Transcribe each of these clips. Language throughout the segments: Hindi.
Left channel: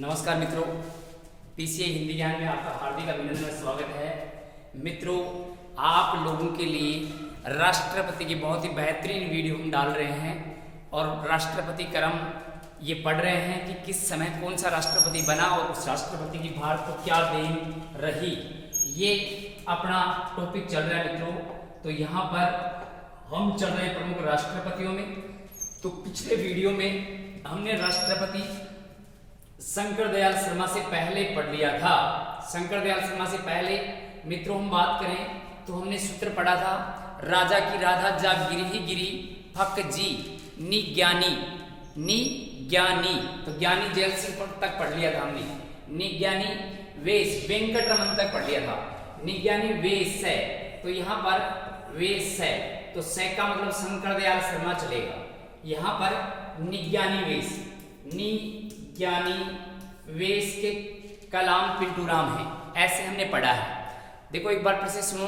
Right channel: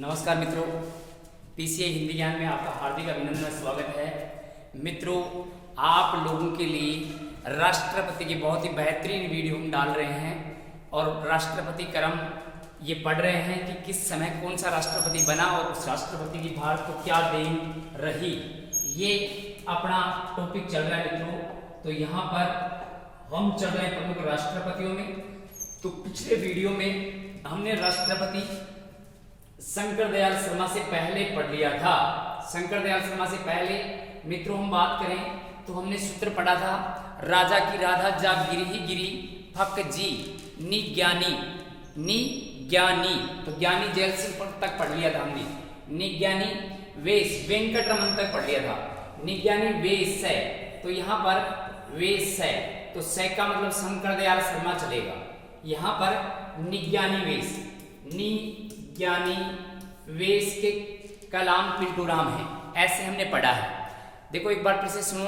नमस्कार मित्रों, पीसीआई हिंदी ज्ञान में आपका हार्दिक अभिनंदन और स्वागत है। मित्रों, आप लोगों के लिए राष्ट्रपति की बहुत ही बेहतरीन वीडियो हम डाल रहे हैं और राष्ट्रपति क्रम ये पढ़ रहे हैं कि किस समय कौन सा राष्ट्रपति बना और उस राष्ट्रपति की भारत को क्या देन रही। ये अपना टॉपिक चल रहा है मित्रों। तो यहाँ पर हम चल रहे हैं प्रमुख राष्ट्रपतियों में। तो पिछले वीडियो में हमने राष्ट्रपति शंकर दयाल शर्मा से पहले पढ़ लिया था। शंकर दयाल शर्मा से पहले मित्रों हम बात करें तो हमने सूत्र पढ़ा था, राजा की राधा जा गिरी ही गिरी फक जी नि ज्ञानी नि ज्ञानी। तो ज्ञानी जेल सिंह तक पढ़ लिया था हमने। नि ज्ञानी वेश वेंकट रमन तक पढ़ लिया था। नि ज्ञानी वेश है, तो यहाँ पर वेश है तो से का मतलब शंकर दयाल शर्मा चलेगा। यहाँ पर निज्ञानी वेश, निज्ञानी वेश के कलाम पिंटू राम है, ऐसे हमने पढ़ा है। देखो एक बार फिर से सुनो,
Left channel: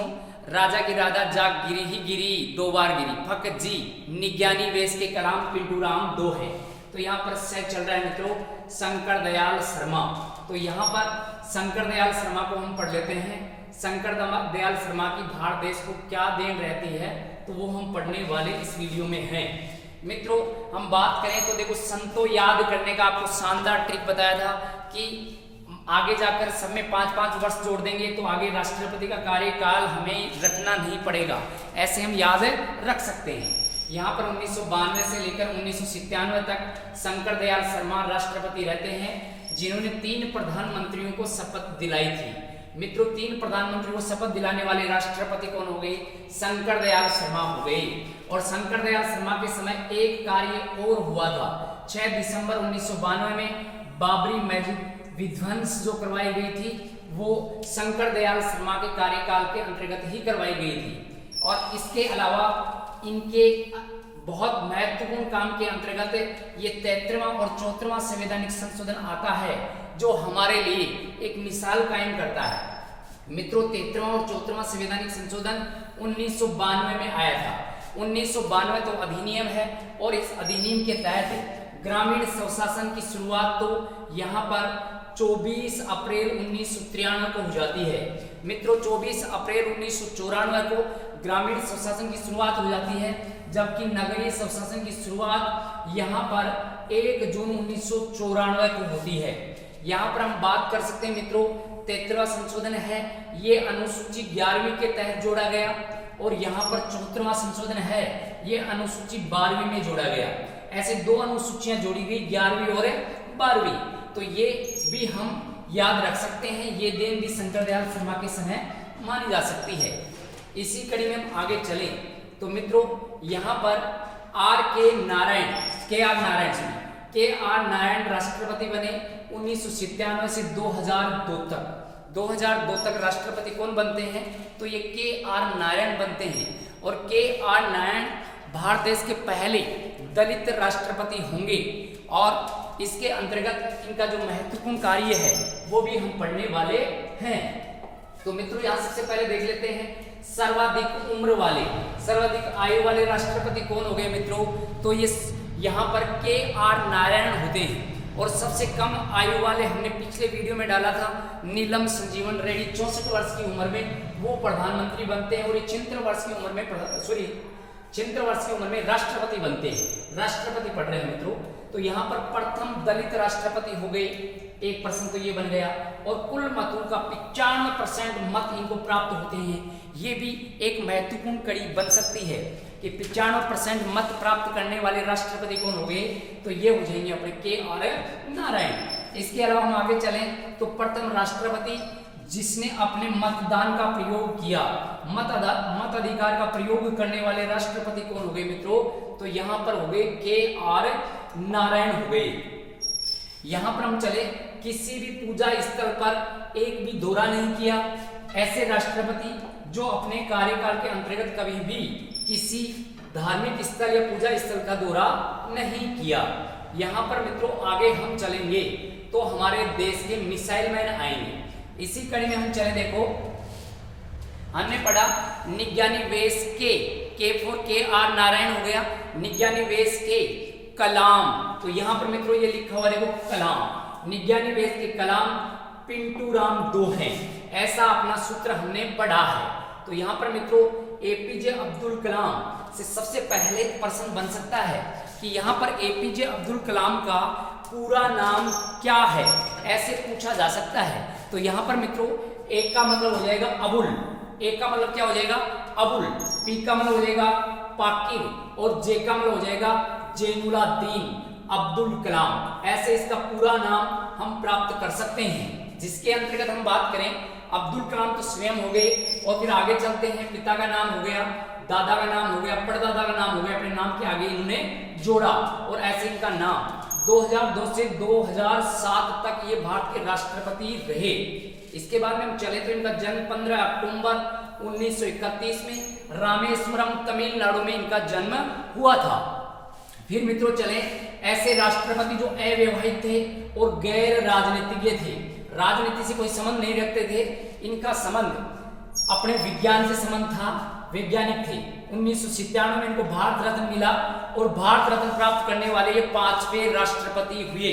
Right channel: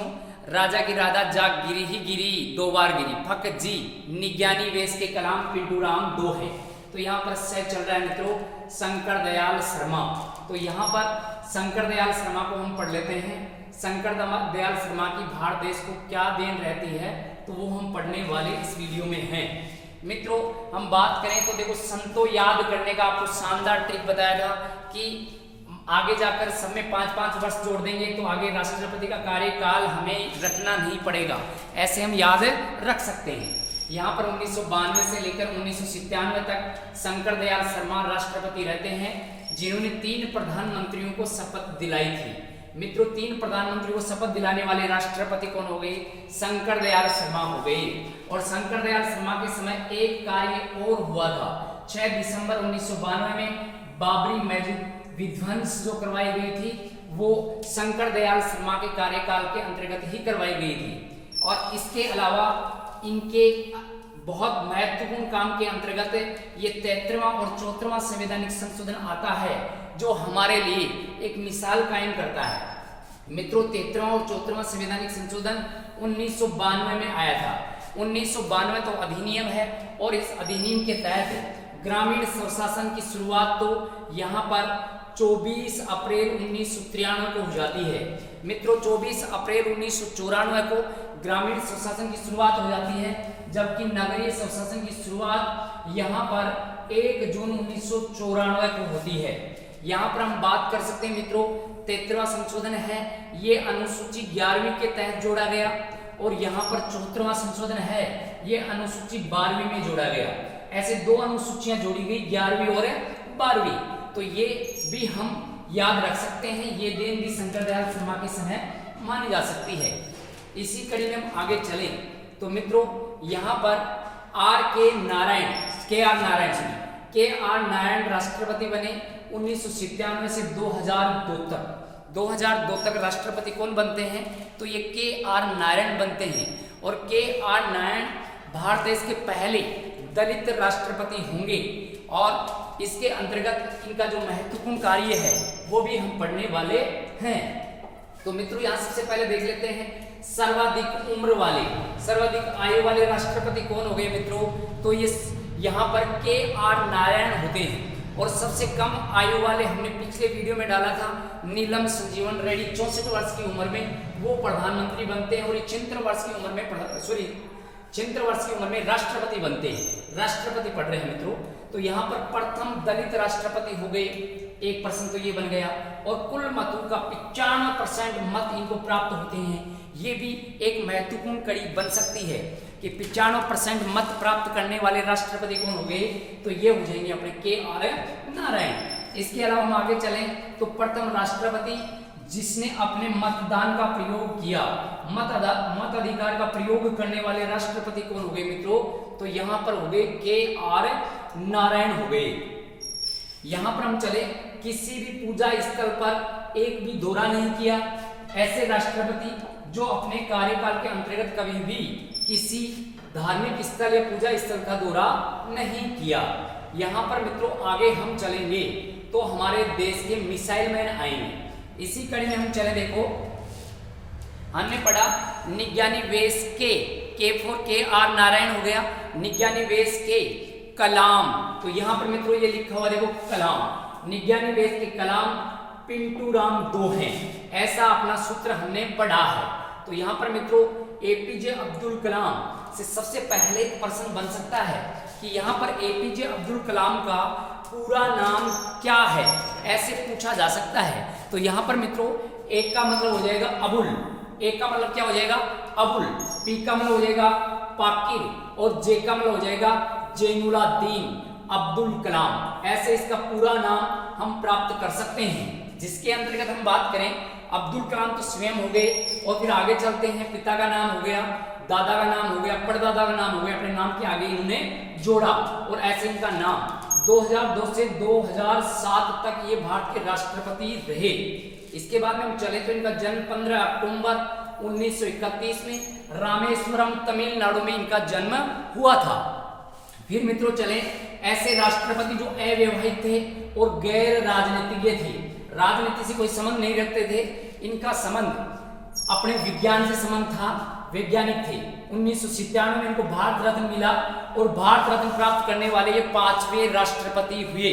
राजा की राधा जाग गिरी ही गिरी दो बार गिरी फक जी निज्ञानी वेश के कलाम पिंटू राम दो है। तो यहाँ पर से चल रहा है मित्रों शंकर दयाल शर्मा। तो यहाँ पर शंकर दयाल शर्मा को हम पढ़ लेते हैं। शंकर दयाल शर्मा की भारत देश को क्या देन रहती है तो वो हम पढ़ने वाले इस वीडियो में हैं। मित्रों हम बात करें तो देखो संतो याद करने का आपको शानदार ट्रिक बताया था कि आगे जाकर सब में 5-5 वर्ष जोड़ देंगे तो आगे राष्ट्रपति का कार्यकाल हमें रखना नहीं पड़ेगा, ऐसे हम याद रख सकते हैं। यहाँ पर 1992 से लेकर 1997 तक शंकर दयाल शर्मा राष्ट्रपति रहते हैं, जिन्होंने 3 प्रधानमंत्रियों को शपथ दिलाई थी। मित्रों 3 प्रधानमंत्री को शपथ दिलाने वाले राष्ट्रपति कौन हो गए? शंकर दयाल शर्मा हो गए। और शंकर दयाल शर्मा के समय एक कार्य और हुआ था। 6 दिसंबर 1992 में बाबरी मस्जिद विध्वंस जो करवाई गई थी वो शंकर दयाल शर्मा के कार्यकाल के अंतर्गत ही करवाई गई थी। और इसके अलावा इनके बहुत महत्वपूर्ण काम के अंतर्गत ये 33वां और 34वां संवैधानिक संशोधन आता है जो हमारे लिए एक मिसाल कायम करता है। मित्रों 33वां और 34वां संवैधानिक संशोधन 1992 में आया था। 1992 तो अधिनियम है और इस अधिनियम के तहत ग्रामीण स्वशासन की शुरुआत तो यहाँ पर 24 अप्रैल 1993 को हो जाती है। मित्रों 24 अप्रैल 1994 को ग्रामीण स्वशासन की शुरुआत हो जाती है, जबकि नगरीय स्वशासन की शुरुआत यहाँ पर 1 जून 1994 को होती है। यहाँ पर हम बात कर सकते हैं मित्रों 33वां संशोधन है, ये अनुसूची 11वीं के तहत जोड़ा गया और यहाँ पर 34वां संशोधन है, ये अनुसूची 12वीं में जोड़ा गया। ऐसे 2 अनुसूचियां जोड़ी गई 11वीं और 12वीं। तो ये भी हम याद रख सकते हैं, ये देन भी शंकर दयाल शर्मा के समय मानी जा सकती है। इसी कड़ी में हम आगे चले तो मित्रों यहाँ पर के आर नारायण राष्ट्रपति बने 1997 से 2002 तक। 2002 तक राष्ट्रपति कौन बनते हैं तो ये के आर नारायण बनते हैं। और के आर नारायण भारत देश के पहले दलित राष्ट्रपति होंगे और इसके अंतर्गत इनका जो महत्वपूर्ण कार्य है वो भी हम पढ़ने वाले हैं। तो मित्रों यहाँ सबसे पहले देख लेते हैं सर्वाधिक उम्र वाले, सर्वाधिक आयु वाले राष्ट्रपति कौन हो गए मित्रों तो ये यहाँ पर के आर नारायण होते हैं। और सबसे कम आयु वाले हमने पिछले वीडियो में डाला था नीलम संजीवन रेड्डी, 64 वर्ष की उम्र में वो प्रधानमंत्री बनते हैं और ये 76 वर्ष की उम्र में 76 वर्ष की उम्र में राष्ट्रपति बनते हैं। राष्ट्रपति पढ़ रहे हैं मित्रों। तो यहाँ पर प्रथम दलित राष्ट्रपति हो गए, एक प्रश्न तो ये बन गया। और कुल मतों का 95% मत इनको प्राप्त होते हैं, ये भी एक महत्वपूर्ण कड़ी बन सकती है कि 95% मत प्राप्त करने वाले राष्ट्रपति कौन हो गए तो ये हो जाएंगे अपने के आर नारायण। इसके अलावा हम आगे चलें तो प्रथम राष्ट्रपति जिसने अपने मतदान का प्रयोग किया, मत अधिकार का प्रयोग करने वाले राष्ट्रपति कौन हो गए मित्रों तो यहाँ पर हो गए के आर नारायण हो गए। यहाँ पर हम चले किसी भी पूजा स्थल पर एक भी दौरा नहीं किया, ऐसे राष्ट्रपति जो अपने कार्यकाल के अंतर्गत कभी भी किसी धार्मिक स्थल या पूजा स्थल का दौरा नहीं किया। यहाँ पर मित्रों आगे हम चलेंगे तो हमारे देश के मिसाइल मैन आएंगे। इसी कड़ी में हम चले, देखो हमने पढ़ा निज्ञानी वेश के फॉर के आर नारायण हो गया, निज्ञानी वेश के कलाम। तो यहाँ पर मित्रों ये लिखा हुआ देखो कलाम, निज्ञानी वेद के कलाम पिंटू राम 2 हैं, ऐसा अपना सूत्र हमने पढ़ा है। तो यहाँ पर मित्रों एपीजे अब्दुल कलाम से सबसे पहले प्रश्न बन सकता है कि यहाँ पर एपीजे अब्दुल कलाम का पूरा नाम क्या है, ऐसे पूछा जा सकता है। तो यहाँ पर मित्रों एक का मतलब हो जाएगा अबुल, एक का मतलब क्या हो जाएगा अबुल, पी का मतलब हो जाएगा पाकिर और जे का मतलब हो जाएगा जैनुलाब्दीन अब्दुल कलाम। ऐसे इसका पूरा नाम हम प्राप्त कर सकते हैं, जिसके अंतर्गत हम बात करें अब्दुल कलाम तो स्वयं हो गए और फिर आगे चलते हैं पिता का नाम हो गया, दादा का नाम हो गया, परदादा का नाम हो गया, अपने नाम के आगे इन्होंने जोड़ा और ऐसे इनका नाम 2002 से 2007 तक ये भारत के राष्ट्रपति रहे। इसके बाद में हम चले तो इनका जन्म 15 अक्टूबर 1931 में रामेश्वरम तमिलनाडु में इनका जन्म हुआ था। फिर मित्रों चले ऐसे राष्ट्रपति जो अव्यवहित थे और गैर राजनीतिज्ञ थे, राजनीति से कोई संबंध नहीं रखते थे, इनका संबंध अपने विज्ञान से संबंध था, वैज्ञानिक थे। 1997 में इनको भारत रत्न मिला और भारत रत्न प्राप्त करने वाले ये 5वें राष्ट्रपति हुए,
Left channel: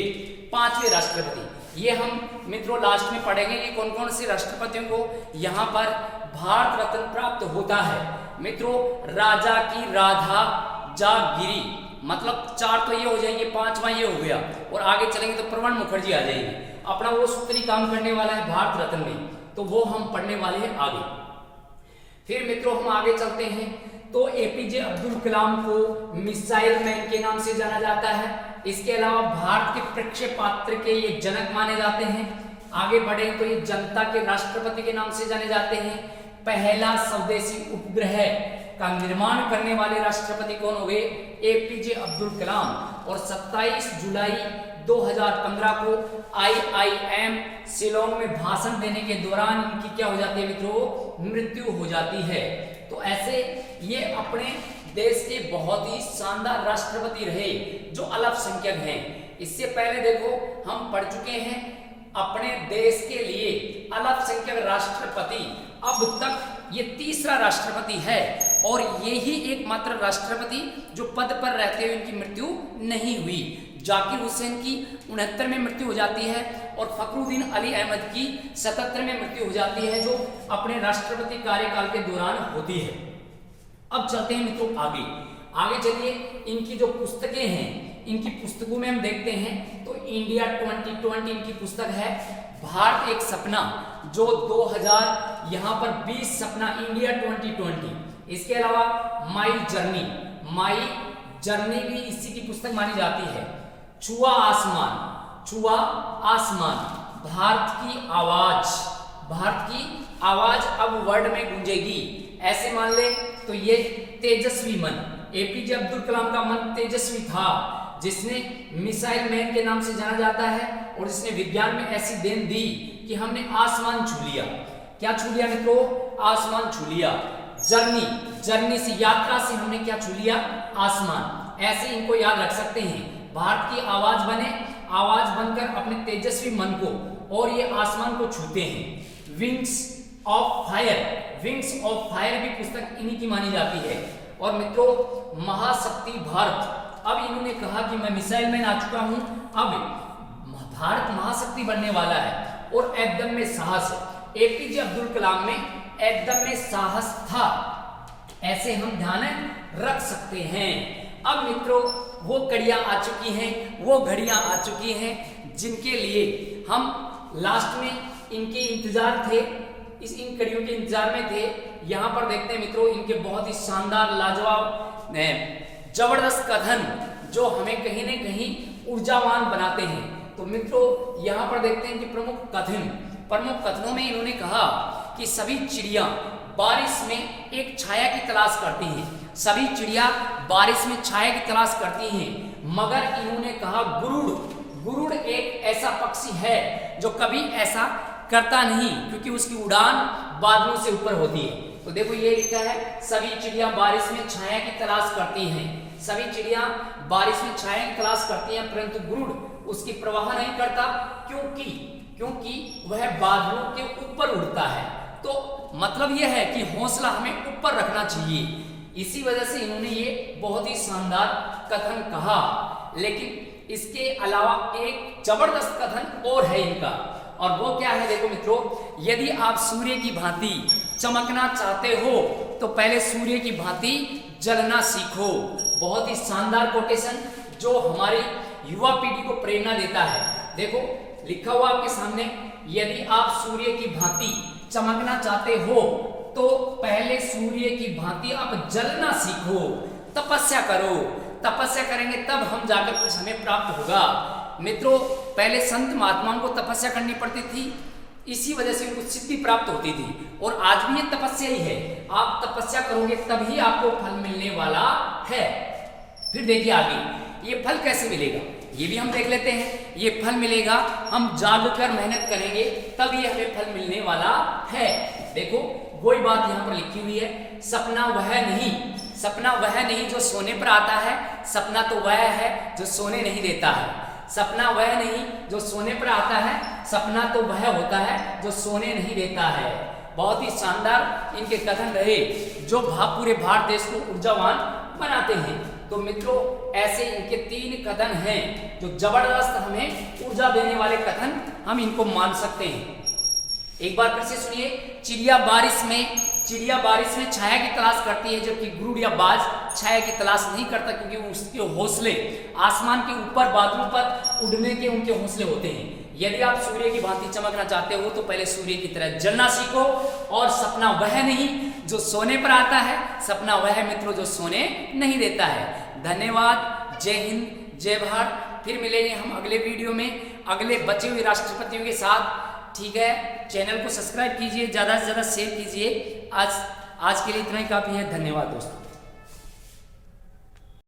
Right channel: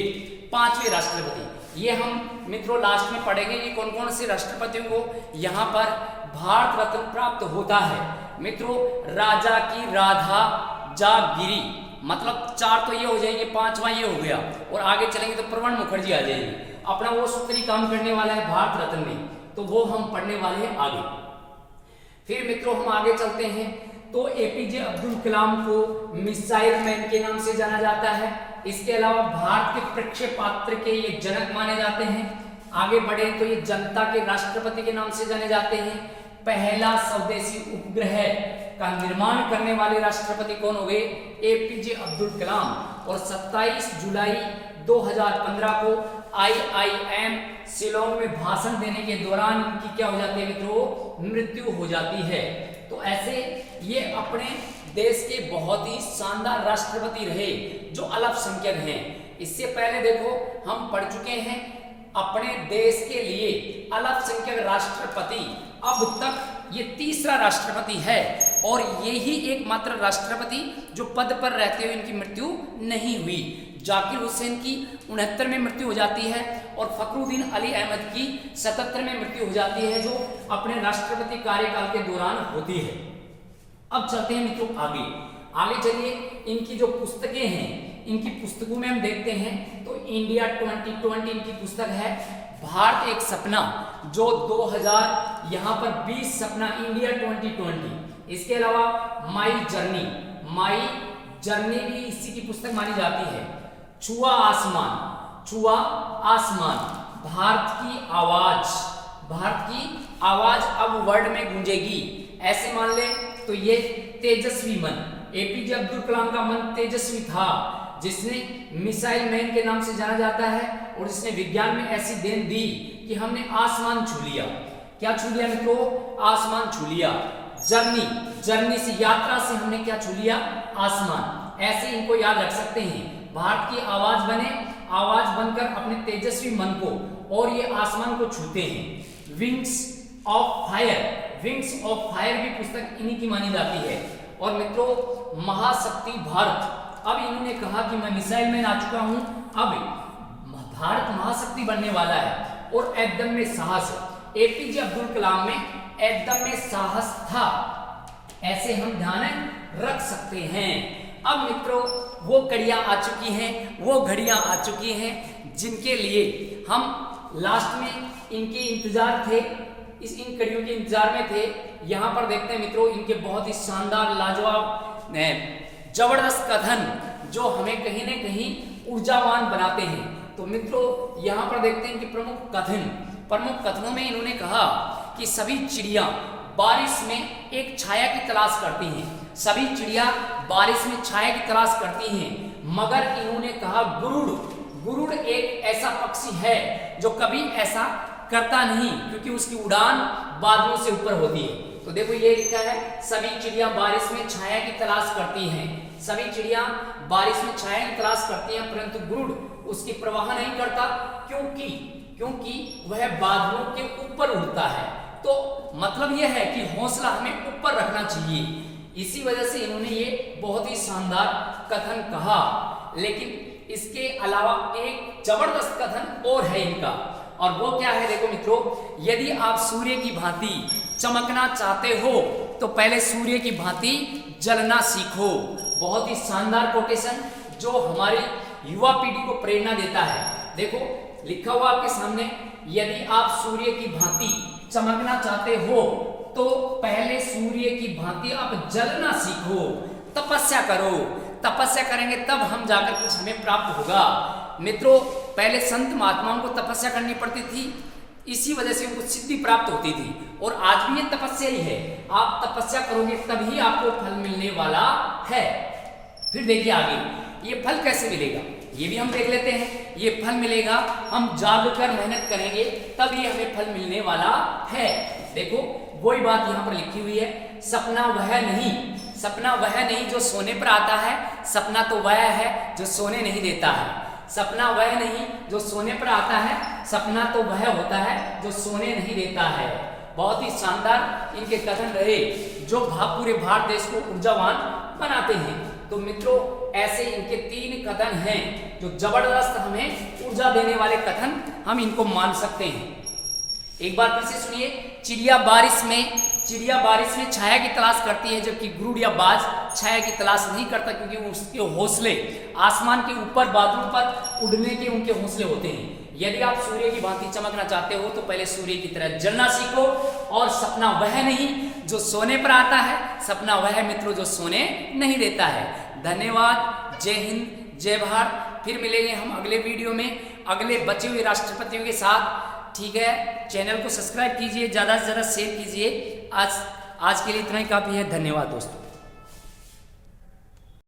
5वें राष्ट्रपति। ये हम मित्रों लास्ट में पढ़ेंगे कि कौन कौन से राष्ट्रपतियों को यहाँ पर भारत रत्न प्राप्त होता है। मित्रों राजा की राधा जागीरी, मतलब 4 तो ये हो जाएंगे, 5वां ये हो गया और आगे चलेंगे तो प्रणब मुखर्जी आ जाएंगे। अपना वो सूत्री काम करने वाला है भारत रत्न में, तो वो हम पढ़ने वाले हैं आगे। फिर मित्रों हम आगे चलते हैं तो एपीजे अब्दुल कलाम को मिसाइल मैन के नाम से जाना जाता है। इसके अलावा भारत के प्रक्षेपास्त्र के ये जनक माने जाते हैं। आगे बढ़े तो ये जनता के राष्ट्रपति के नाम से जाने जाते हैं। पहला स्वदेशी उपग्रह का निर्माण करने वाले राष्ट्रपति कौन हो गए, एपीजे अब्दुल कलाम। और 27 जुलाई 2015 को IIM शिलोंग में भाषण देने के दौरान इनकी क्या हो जाती है मित्रों, मृत्यु हो जाती है। तो ऐसे ये अपने देश के बहुत ही शानदार राष्ट्रपति रहे जो अल्पसंख्यक हैं। इससे पहले देखो हम पढ़ चुके हैं अपने देश के लिए अल्पसंख्यक राष्ट्रपति, अब तक ये 3रा राष्ट्रपति है और ये ही एकमात्र राष्ट्रपति जो पद पर रहते हुए इनकी मृत्यु नहीं हुई। जाकिर हुसैन की 69 में मृत्यु हो जाती है और फखरुद्दीन अली अहमद की 77 में मृत्यु हो जाती है, जो अपने राष्ट्रपति कार्यकाल के दौरान होती है। अब चलते हैं मित्रों आगे चलिए इनकी जो पुस्तकें हैं, इनकी पुस्तकों में हम देखते हैं तो इंडिया 2020 इनकी पुस्तक है। भारत एक सपना जो 2000 यहाँ पर 20 सपना इंडिया 2020। इसके अलावा माई जर्नी भी इसी की पुस्तक मानी जाती है। छुआ आसमान, भारत की आवाज अब वर्ल्ड में गूंजेगी, ऐसे मान ले तो ये तेजस्वी मन, एपीजे अब्दुल कलाम का मन तेजस्वी था, जिसने मिसाइल मैन के नाम से जाना जाता है और जिसने विज्ञान में ऐसी देन दी कि हमने आसमान छू लिया। क्या छू लिया मित्रों, आसमान छू लिया। जर्नी से, यात्रा से हमने क्या छू लिया, आसमान। ऐसे इनको याद रख सकते हैं। भारत की आवाज बनकर अपने तेजस्वी मन को और ये आसमान को छूते हैं। विंग्स ऑफ फायर भी पुस्तक इन्हीं की मानी जाती है। और मित्रों महाशक्ति भारत, अब इन्होंने कहा कि मैं मिसाइल मैन आ चुका हूं, अब भारत महाशक्ति बनने वाला है और एकदम में साहस। एपीजे अब्दुल कलाम में एकदम में साहस था, ऐसे हम ध्यान रख सकते हैं। अब मित्रों वो घड़ियां आ चुकी हैं जिनके लिए हम लास्ट में इनके इंतजार थे, इन कड़ियों के इंतजार में थे। यहां पर देखते हैं मित्रों इनके बहुत ही शानदार लाजवाब जबरदस्त कथन जो हमें कहीं न कहीं ऊर्जावान बनाते हैं। तो मित्रों यहाँ पर देखते हैं कि प्रमुख कथनों में इन्होंने कहा कि सभी चिड़िया बारिश में एक छाया की तलाश करती हैं, सभी चिड़िया बारिश में छाया की तलाश करती हैं, मगर इन्होंने कहा गुरुड़ एक ऐसा पक्षी है जो कभी ऐसा करता नहीं, क्योंकि उसकी उड़ान बादलों से ऊपर होती है। तो देखो ये लिखा है सभी चिड़िया बारिश में छाया की तलाश करती हैं, सभी चिड़िया बारिश में छाया की तलाश करती हैं, परंतु गुरुड़ उसकी परवाह नहीं करता, क्योंकि वह बादलों के ऊपर उड़ता है। तो मतलब यह है कि हौसला हमें ऊपर रखना चाहिए। इसी वजह से इन्होंने ये बहुत ही शानदार कथन कहा। लेकिन इसके अलावा एक जबरदस्त कथन और है इनका, और वो क्या है देखो मित्रों, यदि आप सूर्य की भांति चमकना चाहते हो तो पहले सूर्य की भांति जलना सीखो। बहुत ही शानदार कोटेशन जो हमारी युवा पीढ़ी को प्रेरणा देता है। देखो लिखा हुआ आपके सामने, यदि आप सूर्य की भांति चमकना चाहते हो तो पहले सूर्य की भांति आप जलना सीखो, तपस्या करो। तपस्या करेंगे तब हम जाकर कुछ हमें प्राप्त होगा। मित्रों पहले संत महात्माओं को तपस्या करनी पड़ती थी, इसी वजह से उनको सिद्धि प्राप्त होती थी, और आज भी ये तपस्या ही है। आप तपस्या करोगे तभी आपको फल मिलने वाला है। फिर देखिए आगे ये फल कैसे मिलेगा, ये भी हम देख लेते हैं। ये फल मिलेगा, हम जाग कर मेहनत करेंगे तब ये हमें फल मिलने वाला है। देखो वही बात यहाँ पर लिखी हुई है, सपना वह नहीं, सपना वह नहीं जो सोने पर आता है, सपना तो वह है जो सोने नहीं देता है। सपना वह नहीं जो सोने पर आता है, सपना तो वह होता है जो सोने नहीं देता है। बहुत ही शानदार इनके कथन रहे जो पूरे भारत देश को ऊर्जावान बनाते हैं। तो मित्रों ऐसे इनके 3 कथन हैं जो जबरदस्त हमें ऊर्जा देने वाले कथन हम इनको मान सकते हैं। एक बार फिर से सुनिए, चिड़िया बारिश में छाया की तलाश करती है, जबकि गुरुड़िया बाज छाया की तलाश नहीं करता, क्योंकि उसके हौसले आसमान के ऊपर बादलों पर उड़ने के उनके हौसले होते हैं। यदि आप सूर्य की भांति चमकना चाहते हो तो पहले सूर्य की तरह जलना सीखो, और सपना वह नहीं जो सोने पर आता है, सपना वह मित्रों जो सोने नहीं देता है। धन्यवाद, जय हिंद, जय भारत। फिर मिलेंगे हम अगले वीडियो में अगले बचे हुए राष्ट्रपतियों के साथ। ठीक है, चैनल को सब्सक्राइब कीजिए, ज़्यादा से ज़्यादा शेयर कीजिए। आज के लिए इतना ही काफ़ी है। धन्यवाद दोस्तों।